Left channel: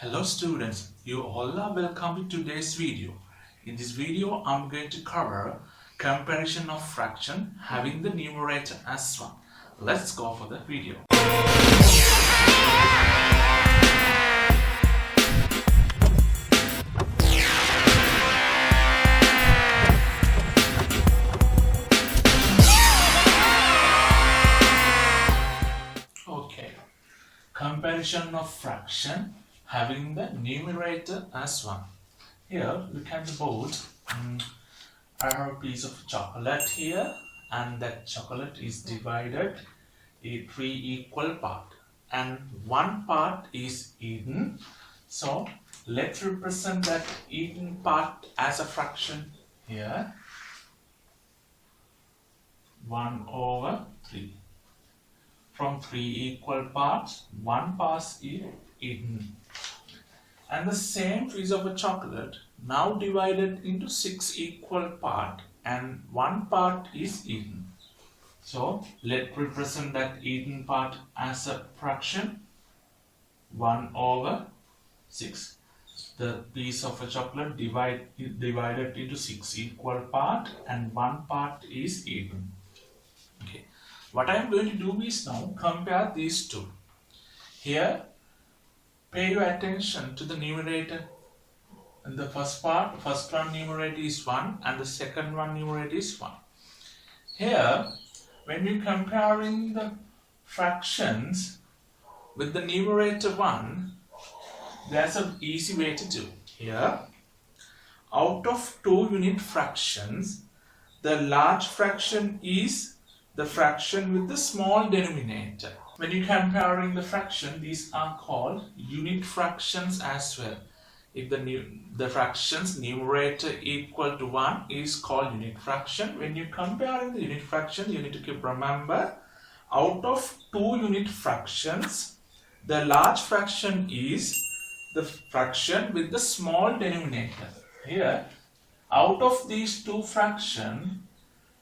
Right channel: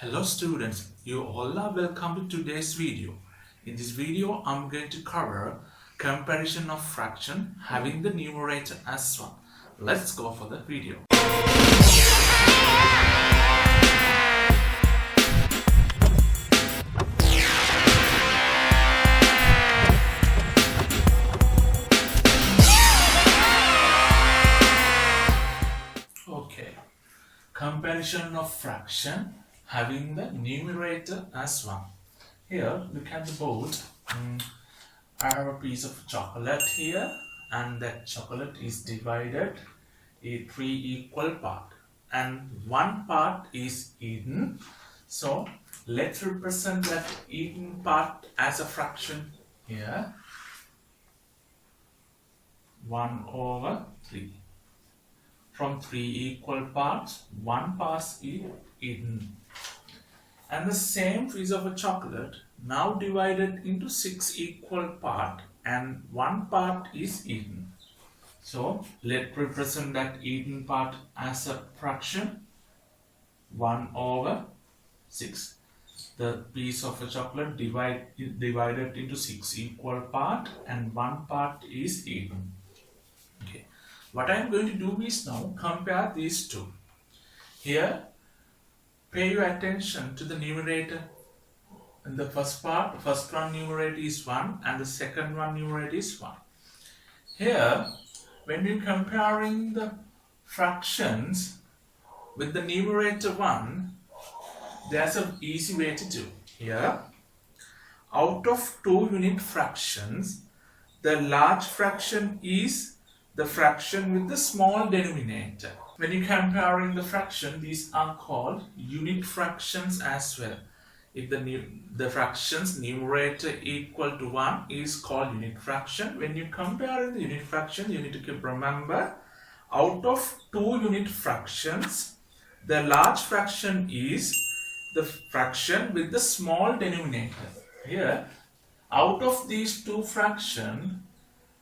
Hello students, you all are welcome to today's video. In this video, I'm going to cover comparison of fraction having the numerator as 1. Let's go for the video. Okay, comparison of fraction having the numerator as 1. Here, look at the board. I have a piece of chocolate here, and that chocolate is divided in 3 equal parts, and one part is eaten. So let's represent that eaten part as a fraction here. 1/3. From 3 equal parts, one part is eaten. And the same piece of a chocolate now divided into 6 equal parts, and one part is eaten. So let's represent that eaten part as a fraction 1/6. The piece of a chocolate divided into 6 equal parts, and one part is eaten. Okay. What I am going to do is now compare these two. Here, pay your attention to the numerator. In the first one numerator is 1, and the second one numerator is 1. Here, when you're comparing the fractions with the numerator 1, there's an easy way to do. Here, out of 2 unit fractions, the large fraction is the fraction with the small denominator. When you're comparing the fraction, these are called unit fractions as well. If the fraction's numerator equal to 1 is called unit fraction. When you're comparing the unit fraction, you need to remember, out of 2 unit fractions, the large fraction is the fraction with the small denominator. Here, out of these 2 fractions,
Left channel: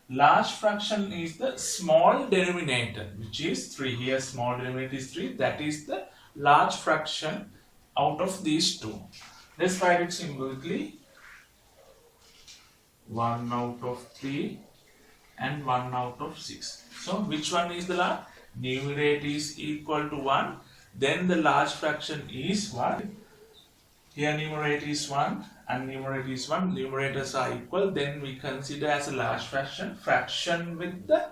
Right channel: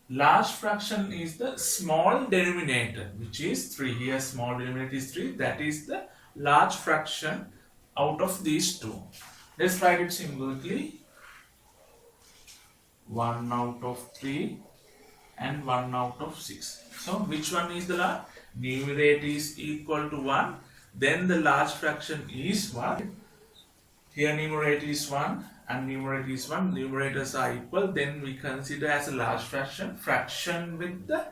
large fraction is the small denominator, which is 3. Here small denominator is 3. That is the large fraction out of these 2. Let's write it symbolically. 1/3 and 1/6. So which one is the large? Numerator is equal to 1. Then the large fraction is 1. Here numerator is 1 and numerator is 1. Numerators are equal. Then we consider as a large fraction. Fraction with the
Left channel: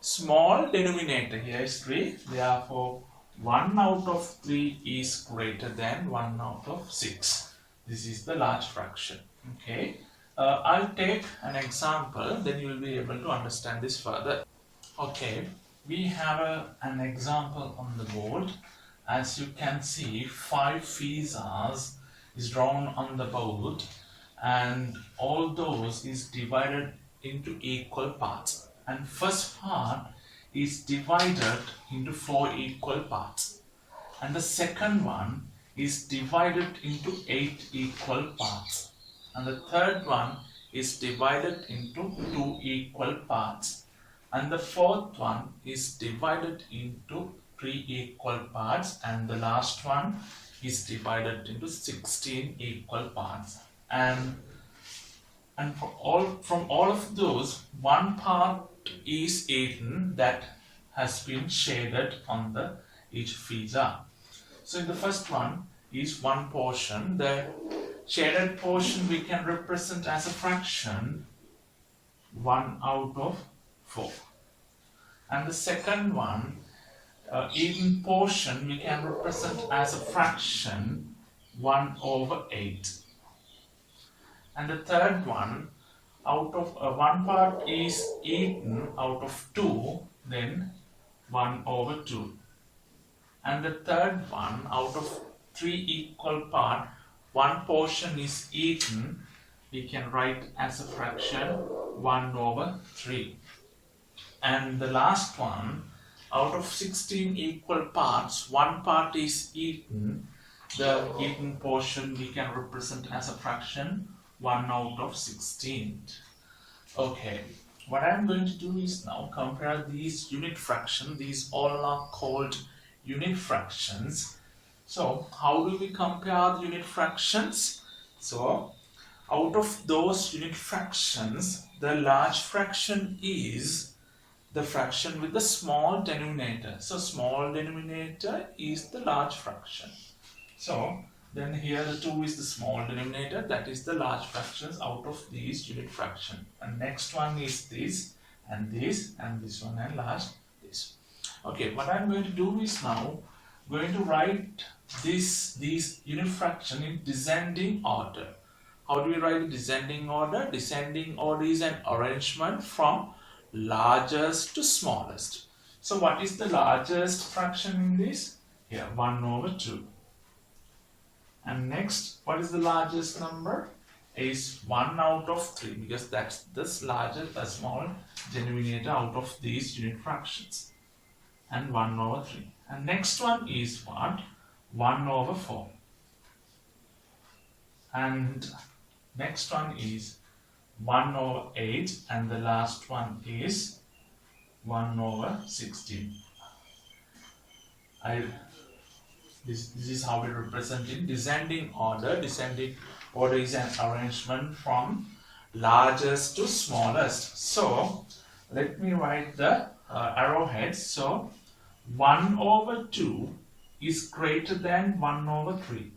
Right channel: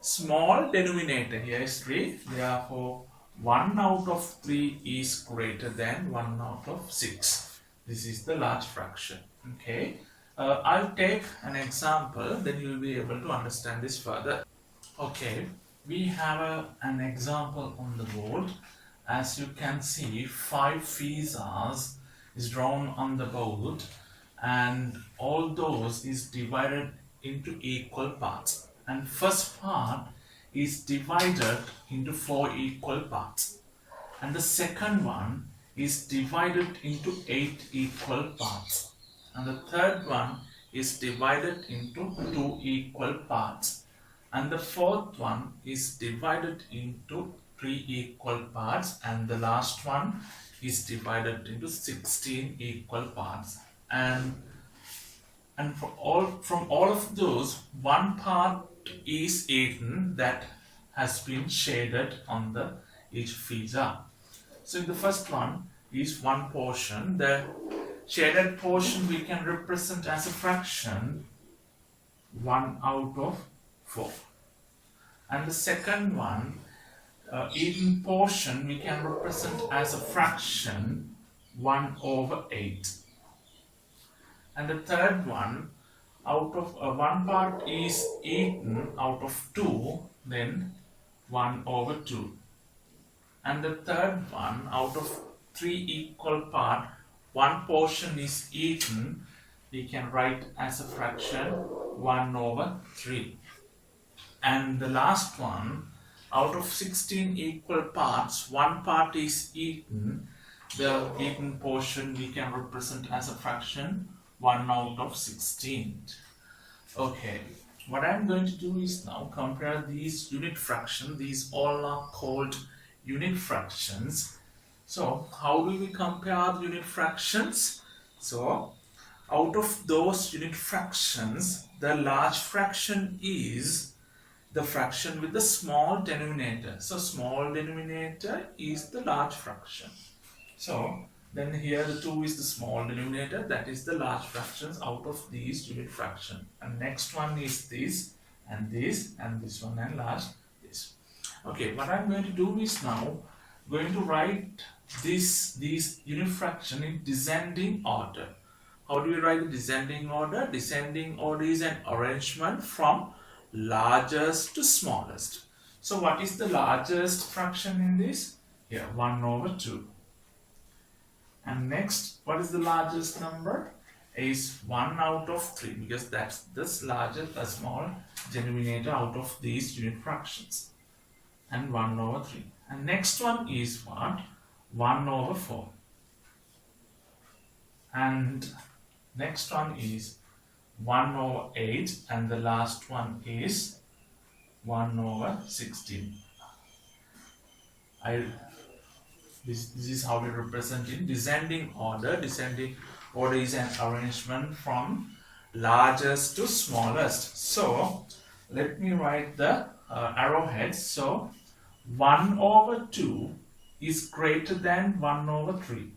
small denominator. Here is 3. Therefore, 1/3 is greater than 1/6. This is the large fraction. Okay. I'll take an example. Then you will be able to understand this further. Okay. We have an example on the board. As you can see, 5 pizzas is drawn on the board, and all those is divided into equal parts, and first part is divided into 4 equal parts, and the second one is divided into 8 equal parts, and the third one is divided into 2 equal parts, and the fourth one is divided into 3 equal parts, and the last one is divided into 16 equal parts. And from all of those, one part is eaten that has been shaded on the each pizza. So in the first one is one portion. The shaded portion we can represent as a fraction 1/4. And the second one, eaten portion, we can represent as a fraction 1/8. And the third one, out of one part is eaten out of 2, then 1/2. And the third one, out of 3 equal parts, one portion is eaten, we can write as a fraction 1/3. And the last one, out of 16 equal parts, one part is eaten. The eaten portion we can represent as a fraction 1/16. Okay, what I am going to do is now compare these unit fractions. These all are called unit fractions. So how do we compare the unit fractions? So out of those unit fractions, the large fraction is the fraction with the small denominator. So small denominator is the large fraction. So then here the 2 is the small denominator, that is the large fractions out of these unit fraction. And next one is this and this one, and last this. Okay, what I'm going to do is now going to write these unit fraction in descending order. How do we write the descending order? Descending order is an arrangement from largest to smallest. So what is the largest fraction in this? Here, 1/2. And next, what is the largest number? Is 1/3, because that's the largest, a small denominator out of these unit fractions. And 1/3. And next one is what? 1/4. And next one is 1/8, and the last one is 1/16. This is how we represent in descending order. Descending order is an arrangement from largest to smallest. So let me write the arrowheads. So 1/2 is greater than 1/3.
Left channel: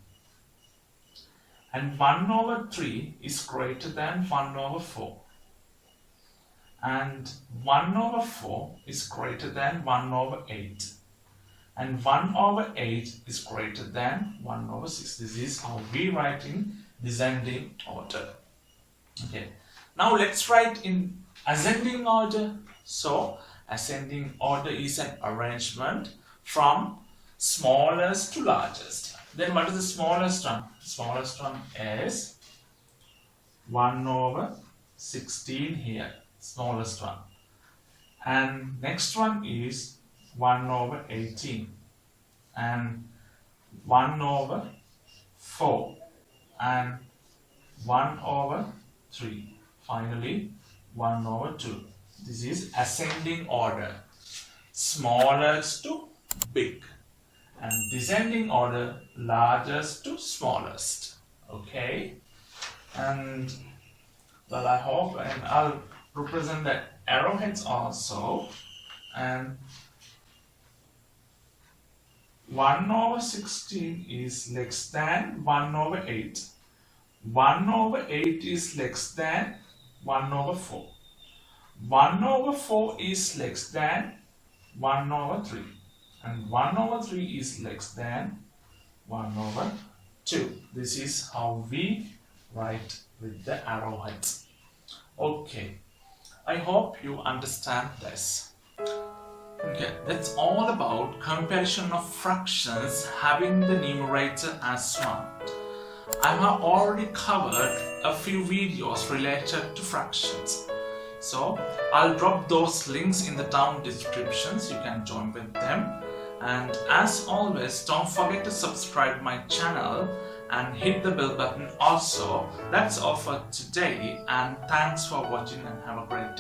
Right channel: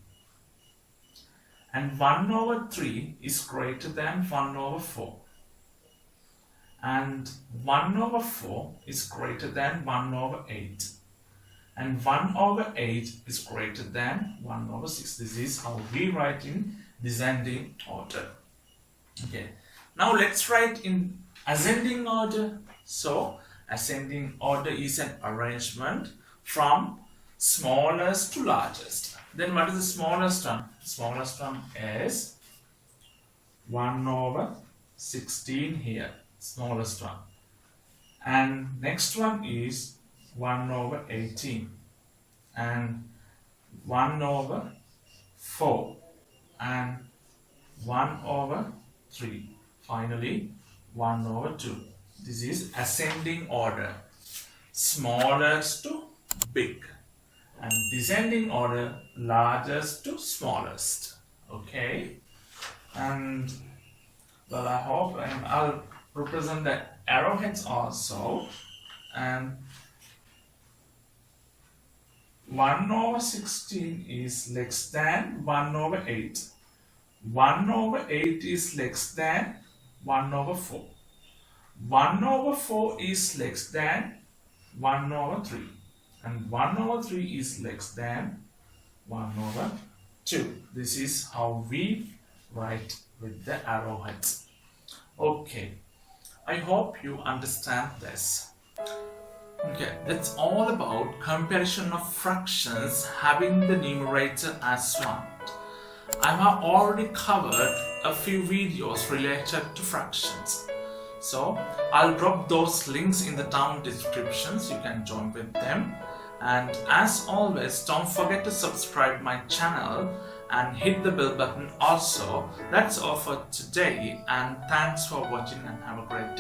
And 1/3 is greater than 1/4. And 1/4 is greater than 1/8. And 1/8 is greater than 1/6. This is how we write in descending order. Okay. Now let's write in ascending order. So ascending order is an arrangement from smallest to largest. Then what is the smallest one? Smallest one is 1/16 here, smallest one. And next one is 1/18 and 1/4 and 1/3. Finally 1/2. This is ascending order, smallest to big, and descending order, largest to smallest. Okay, and well, I hope, and I'll represent the arrowheads also. And 1/16 is less than 1/8. 1/8 is less than 1/4. 1/4 is less than 1/3. And 1/3 is less than 1/2. This is how we write with the arrowheads. Okay, I hope you understand this. Okay, that's all about comparison of fractions having the numerator as 1. I have already covered a few videos related to fractions. So I'll drop those links in the down descriptions. You can join with them. And as always, don't forget to subscribe my channel and hit the bell button also. That's all for today, and thanks for watching and have a great day.